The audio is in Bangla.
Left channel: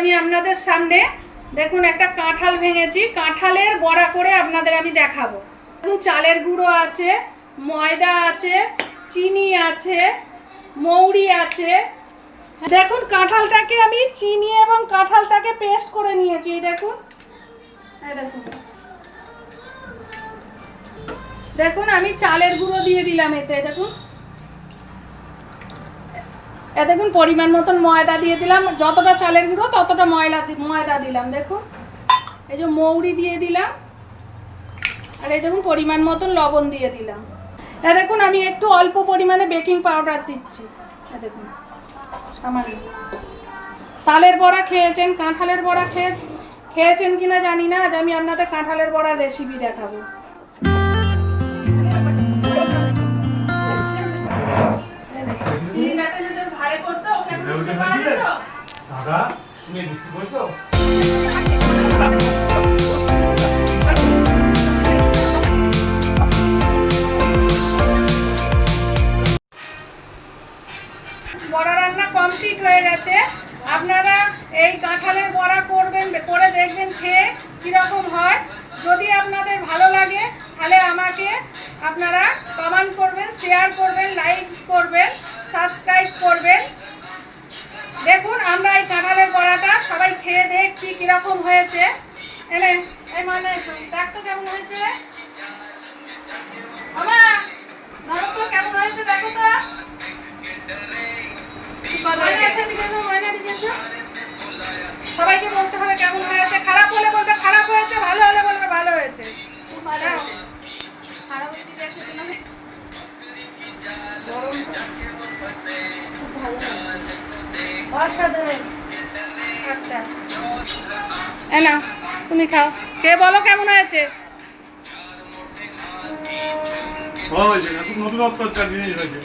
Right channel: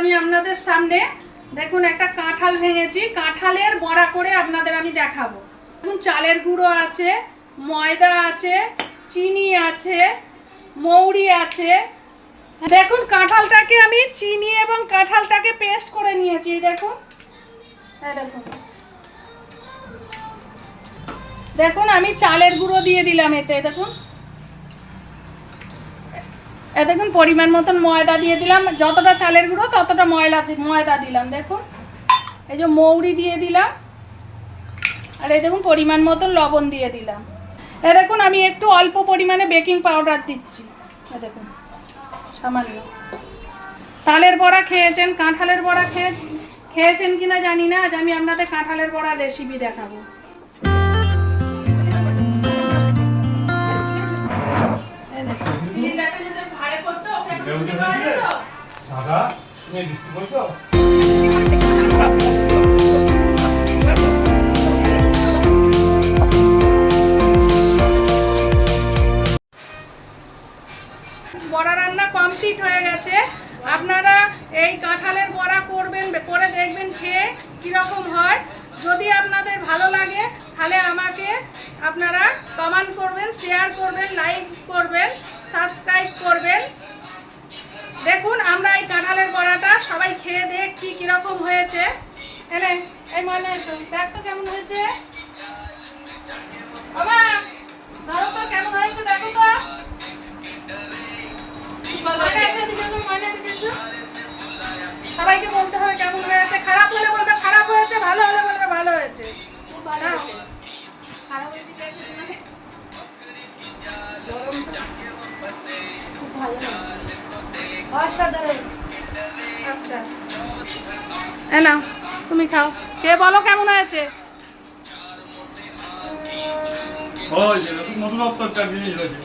আমি আপনাদের সামনে দেখুন একটা কাঁঠাল ভেঙেছি, কাঁঠালের বড়া করে আপনাদের আমি দেখাবো। দেখুন চালের গুঁড়ো আছে, ময়দা আছে, চিনি আছে, মৌরি আছে। দেখুন কাঁঠালটাকে আমি চিনি এবং কাঁঠালটাকে পেস্ট করে নিয়েছি। দেখুন দেখুন দেখুন আমি চালের গুঁড়ো দিয়ে দিলাম এতে। দেখুন দেখুন পরিমাণ মতন ময়দা দিয়ে দিলাম, যতটা চালের গুঁড়ো ততটা ময়দা দিলাম। দেখুন এই যে মৌরি দিয়ে দিলাম, আর এই দেখুন পরিমাণ মতন লবণ দিয়ে দিলাম। দেখুন আমি একটু অল্প পরিমাণে বেকিং পাউডার দিচ্ছি। দেখুন সামান্য। তালের বড়া খেয়েছেন, কাঁঠালের বড়া খেয়েছেন কিনা জানি না, আজ আমি আপনাদের কাঁঠালের বড়ার রেসিপি দেখাবো। বড়া রান্না কমপ্লিট হয়ে গেছে। আপনারা এই কাঁঠালের বড়া করবেন, করে দেখবেন খেয়ে কীরকম হয়। যদি আপনাদের ভালো লাগে তাহলে আমাকে আপনারা কমেন্ট করবেন, শেয়ার করবেন, লাইক করবেন, সাবস্ক্রাইব করবেন। দেখুন আমরা এই কাঁঠালের বড়াটা সবাই খেয়ে দেখছি কীরকম হয়েছে। এনে এই মানে দেখ তো কেমন হয়েছে বাবা, ধরো তো কেমন হয়েছে, দেখো তো। সবাইকে বলতে হবে কেমন হয়েছে। খারাপ হলে বলবে খারাপ হয়েছে, ভালো হলে বলবে ভালো হয়েছে। আচ্ছা না তুমি খাও, কে বলো কেমন হয়েছে। নতুন জিনিস হয়েছে।